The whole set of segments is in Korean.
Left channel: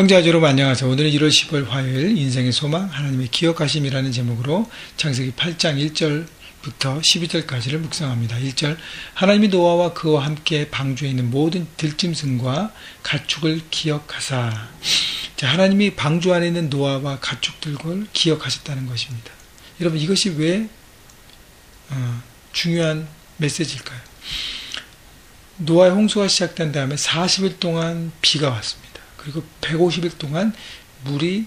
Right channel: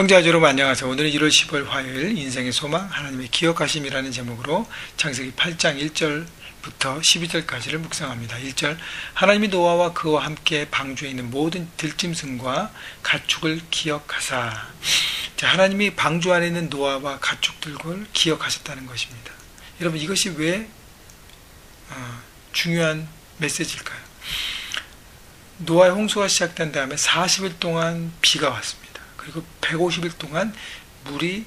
형제와 여러분 안녕하세요. 오늘은 1월 10일 화요일 인생의 소망 하나님의 기억하심이라는 제목으로 창세기 8장 1절부터 12절까지를 묵상합니다. 1절 하나님이 노아와 그와 함께 방주에 있는 모든 들짐승과 가축을 기억하사 자, 하나님이 방주 안에 있는 노아와 가축들을 기억하셨다는 것입니다. 여러분 이것이 왜 어, 중요한 메시지일까요? 노아의 홍수가 시작된 다음에 40일 동안 비가 왔습니다. 그리고 150일 동안 물이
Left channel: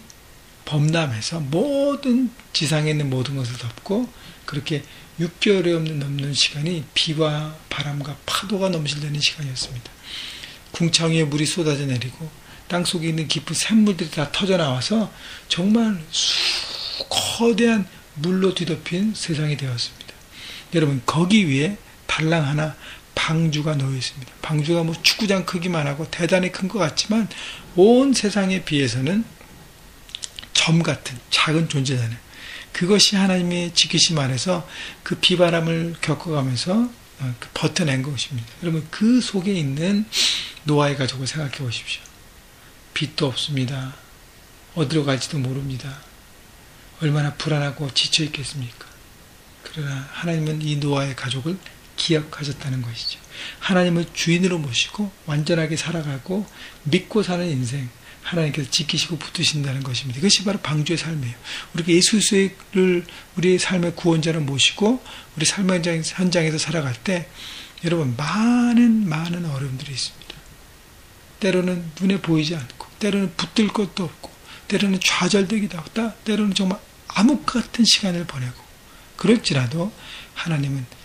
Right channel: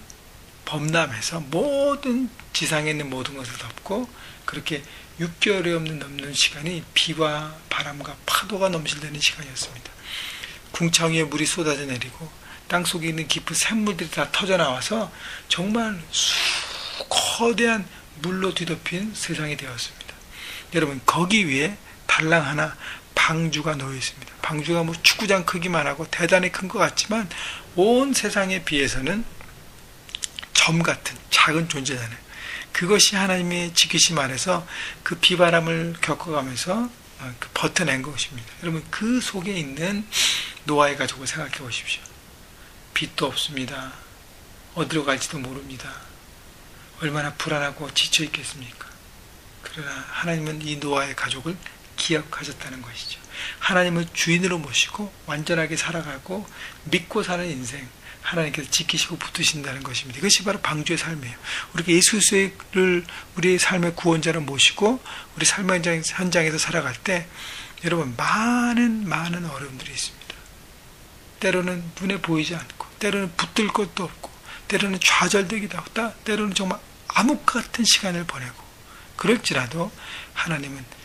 범람해서 모든 지상에 있는 모든 것을 덮고 그렇게 6개월이 없는 넘는 시간이 비와 바람과 파도가 넘실대는 시간이었습니다. 궁창 위에 물이 쏟아져 내리고 땅 속에 있는 깊은 샘물들이 다 터져 나와서 정말 수, 거대한 물로 뒤덮인 세상이 되었습니다. 여러분 거기 위에 달랑 하나 방주가 놓여 있습니다. 방주가 뭐 축구장 크기만 하고 대단히 큰 것 같지만 온 세상에 비해서는 점 같은 작은 존재잖아요. 그것이 하나님의 지키심 안에서 그 비바람을 겪어가면서 어, 그 버텨낸 것입니다. 여러분 그 속에 있는 노아의 가족을 생각해 보십시오. 빛도 없습니다. 어디로 갈지도 모릅니다. 얼마나 불안하고 지쳐 있겠습니까? 그러나 하나님은 이 노아의 가족을 기억하셨다는 것이죠. 하나님을 주인으로 모시고 완전하게 살아가고 믿고 사는 인생 하나님께서 지키시고 붙으신다는 것입니다. 이것이 바로 방주의 삶이에요. 우리가 예수를 우리의 삶의 구원자로 모시고 우리 삶의 현장 에서 살아갈 때 여러분 많은 많은 어려움들이 있습니다. 때로는 눈에 보이지 않고 때로는 붙들 것도 없고 때로는 좌절되기도 하고 때로는 정말 암흑 같은 시간을 보내고 그럴지라도 하나님은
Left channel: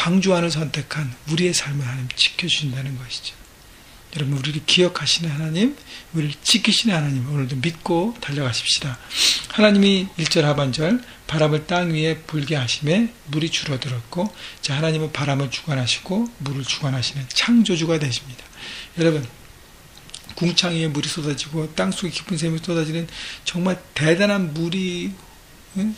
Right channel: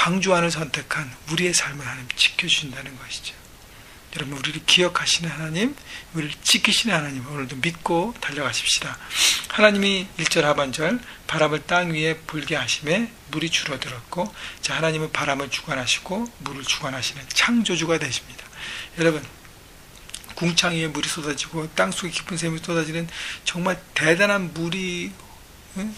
방주안을 선택한 우리의 삶을 하나님 지켜주신다는 것이죠. 여러분 우리를 기억하시는 하나님, 우리를 지키시는 하나님 오늘도 믿고 달려가십시다. 하나님이 1절 하반절 바람을 땅 위에 불게 하심에 물이 줄어들었고 자 하나님은 바람을 주관하시고 물을 주관하시는 창조주가 되십니다. 여러분 궁창 위에 물이 쏟아지고 땅 속에 깊은 샘이 쏟아지는 정말 대단한 물이 응?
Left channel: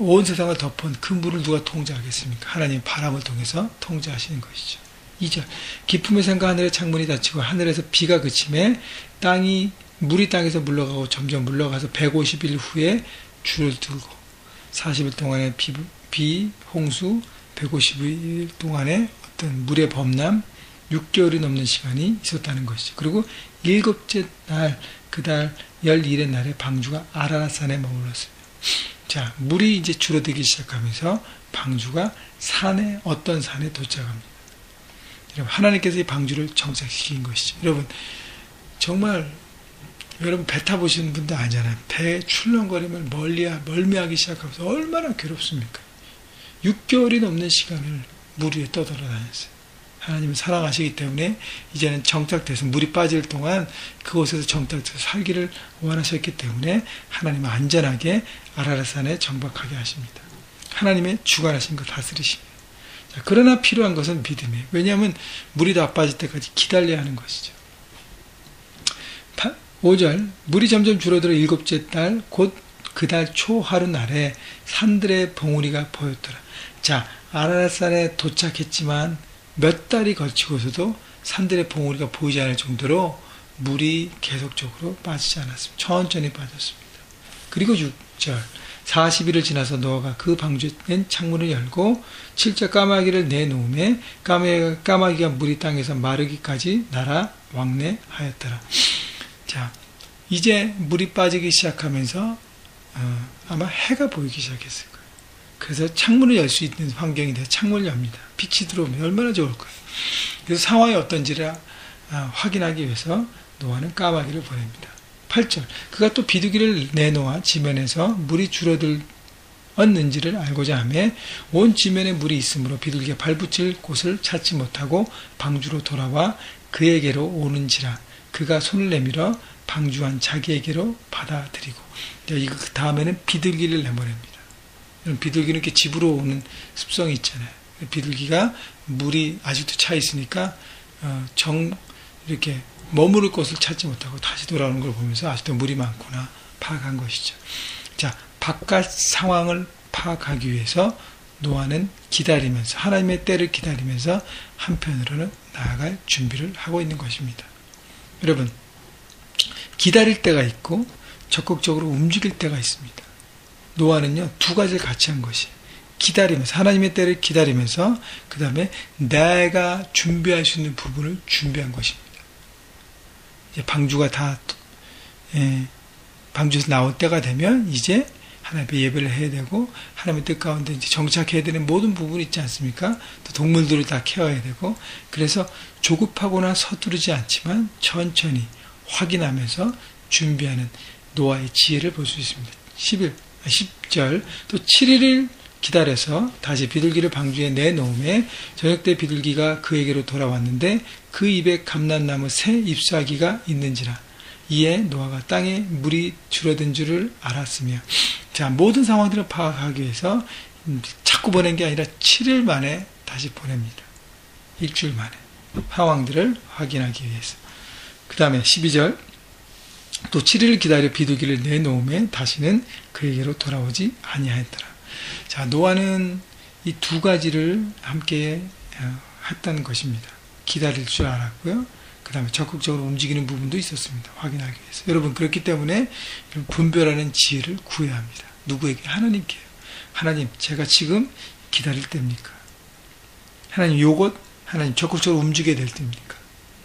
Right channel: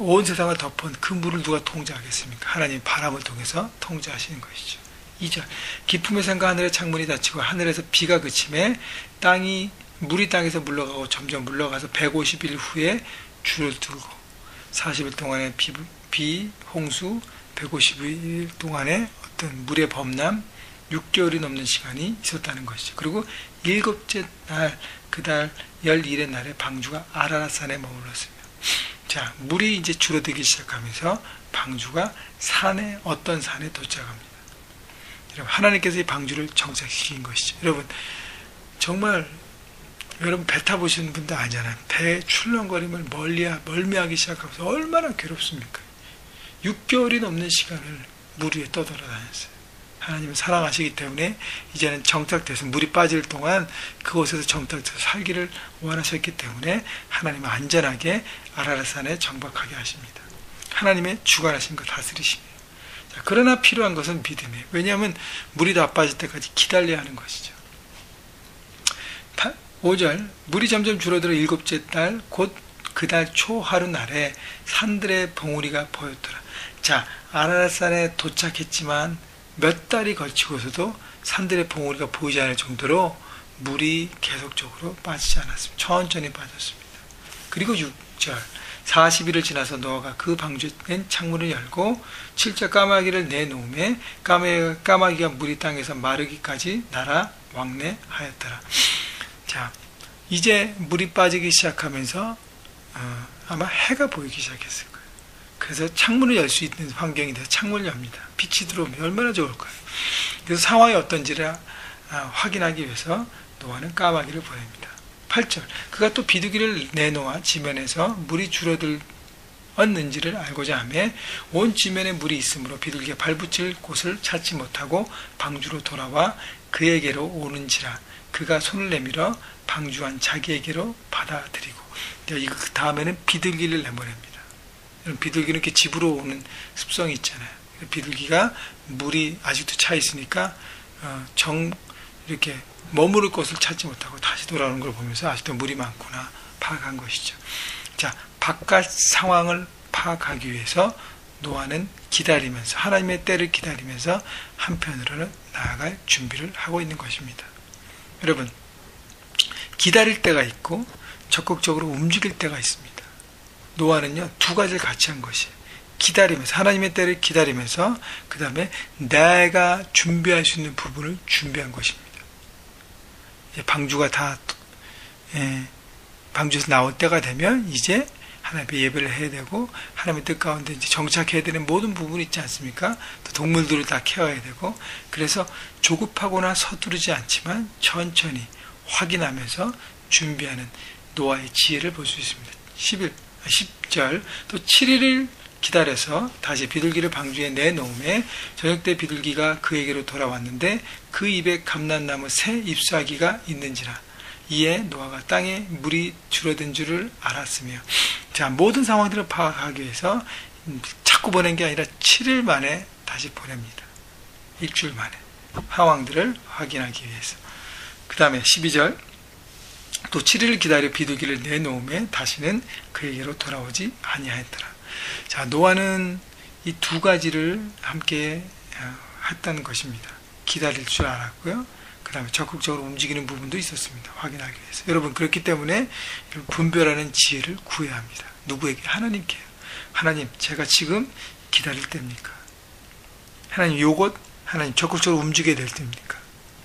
온 세상을 덮은 그 물을 누가 통제하겠습니까? 하나님 바람을 통해서 통제하시는 것이죠. 2절 기품의 생과 하늘의 창문이 닫히고 하늘에서 비가 그침에 땅이 물이 땅에서 물러가고 점점 물러가서 150일 후에 줄을 들고 40일 동안의 비, 비 홍수 150일 동안의 어떤 물의 범람 6개월이 넘는 시간이 있었다는 것이죠. 그리고 일곱째 날, 그달 12일의 날에 방주가 아라라산에 머물렀습니다. 자, 물이 이제 줄어들기 시작하면서 방주가 산에 어떤 산에 도착합니다. 여러분 하나님께서 이 방주를 정착시킨 것이죠. 여러분 정말 여러분 배 타보시는 분도 아니잖아요. 배 출렁거림을 멀리 멀미하기 시작하면서 얼마나 괴롭습니까? 6개월이 넘는 시간을 물 위에 떠돌아다녔어요. 하나님은 사랑하시기 때문에 이제는 정착돼서 물이 빠질 동안 그곳에서 정착돼서 살기를 원하셨기 때문에 하나님은 안전하게 아라라산에 정박하게 하십니다. 하나님의 주관하신 것 다스리시며 자, 그러나 필요한 것은 믿음이에요. 왜냐하면 물이 다 빠질 때까지 기다려야 하는 것이죠. 5절 물이 점점 줄어들어 일곱째 달 곧 그달 초 하루 날에 산들의 봉우리가 보였더라. 자 아라라산에 도착했지만 몇 달이 걸치고서도 산들의 봉우리가 보이지 않을 정도로 물이 계속적으로 빠지지 않았습니다. 천천히 빠졌습니다. 그리고 6절 40일을 지나서 노아가 그 방주된 창문을 열고 7절 까마귀를 내놓음에 까마 귀가 물이 땅에서 마르기까지 날아 왕래하였더라. 자, 이제 물이 빠지기 시작하면서 어, 아마 해가 보이기 시작했을 거예요. 그래서 창문을 열 수 있는 환경이 돼서 창문을 엽니다. 빛이 들어오면 얼마나 좋을까요? 그래서 상황이 어떤지를 아, 확인하기 위해서 노아는 까마귀를 보냅니다. 8절 그가 또 비둘기를 내놓아 지면에서 물이 줄어들었는지를 알고자 하며 온 지면에 물이 있으므로 비둘기가 발붙일 곳을 찾지 못하고 방주로 돌아와 그에게로 오는지라 그가 손을 내밀어 방주한 자기에게로 받아들이고 이거 그 다음에는 비둘기를 내보냅니다. 비둘기는 이렇게 집으로 오는 습성이 있잖아요. 비둘기가 물이 아직도 차 있으니까 어, 정 이렇게 머무를 곳을 찾지 못하고 다시 돌아오는 걸 보면서 아직도 물이 많구나 파악한 것이죠. 자, 바깥 상황을 파악하기 위해서 노아는 기다리면서 하나님의 때를 기다리면서 한편으로는 나아갈 준비를 하고 있는 것입니다. 여러분, 기다릴 때가 있고 적극적으로 움직일 때가 있습니다. 노아는요 두 가지를 같이 한 것이에요. 기다리면서 하나님의 때를 기다리면서 그 다음에 내가 준비할 수 있는 부분을 준비한 것입니다. 방주가 다 예, 방주에서 나올 때가 되면 이제 하나님의 예배를 해야 되고 하나님의 뜻 가운데 이제 정착해야 되는 모든 부분이 있지 않습니까? 또 동물들을 다 케어해야 되고 그래서 조급하거나 서두르지 않지만 천천히 확인하면서 준비하는 노아의 지혜를 볼 수 있습니다. 11, 10절 또 7일을 기다려서 다시 비둘기를 방주에 내놓음에 저녁 때 비둘기가 그에게로 돌아왔는데 그 입에 감난나무 새 잎사귀가 있는지라. 이에 노아가 땅에 물이 줄어든 줄을 알았으며. 자 모든 상황들을 파악하기 위해서 자꾸 보낸 게 아니라 7일 만에 다시 보냅니다. 일주일 만에. 상황들을 확인하기 위해서. 그 다음에 12절 또 7일을 기다려 비둘기를 내놓음에 다시는 그에게로 돌아오지 아니하였더라. 자, 노아는 이 두 가지를 함께 어, 했다는 것입니다. 기다릴 줄 알았고요. 그 다음에 적극적으로 움직이는 부분도 있었습니다. 확인하기 위해서. 여러분, 그렇기 때문에 분별하는 지혜를 구해야 합니다. 누구에게? 하나님께요. 하나님, 제가 지금 기다릴 때입니까? 하나님, 요것, 하나님 적극적으로 움직여야 될 때입니까?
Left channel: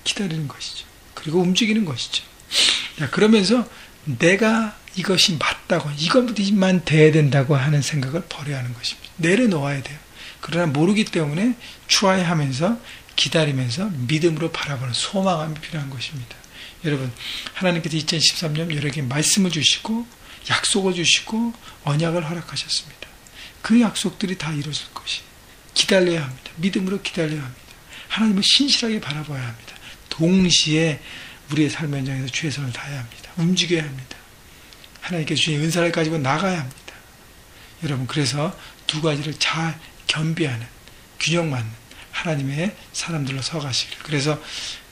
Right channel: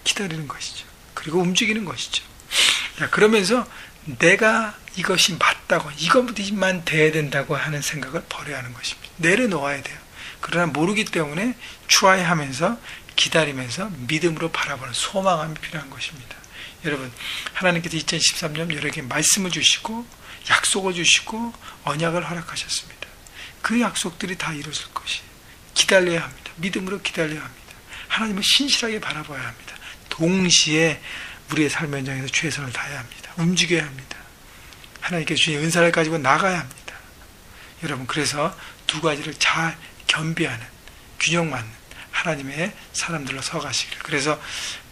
기다리는 것이죠. 그리고 움직이는 것이죠. 자, 그러면서 내가 이것이 맞다고, 이것만 돼야 된다고 하는 생각을 버려야 하는 것입니다. 내려놓아야 돼요. 그러나 모르기 때문에 추하하면서 기다리면서 믿음으로 바라보는 소망함이 필요한 것입니다. 여러분, 하나님께서 2013년 여러 개 말씀을 주시고 약속을 주시고 언약을 허락하셨습니다. 그 약속들이 다 이루어질 것이 기다려야 합니다. 믿음으로 기다려야 합니다. 하나님을 신실하게 바라봐야 합니다. 동시에 우리의 삶 현장에서 최선을 다해야 합니다. 움직여야 합니다. 하나님께서 주신 은사를 가지고 나가야 합니다. 여러분, 그래서 두 가지를 잘 겸비하는, 균형 맞는 하나님의 사람들로 서가시기를. 그래서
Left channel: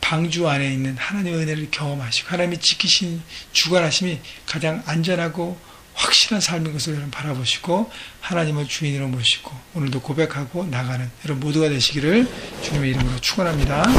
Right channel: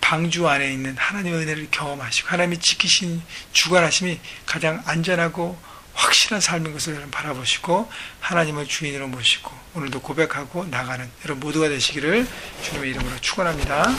방주 안에 있는 하나님의 은혜를 경험하시고, 하나님이 지키신 주관하심이 가장 안전하고 확실한 삶인 것을 여러분 바라보시고, 하나님을 주인으로 모시고, 오늘도 고백하고 나가는 여러분 모두가 되시기를 주님의 이름으로 축원합니다.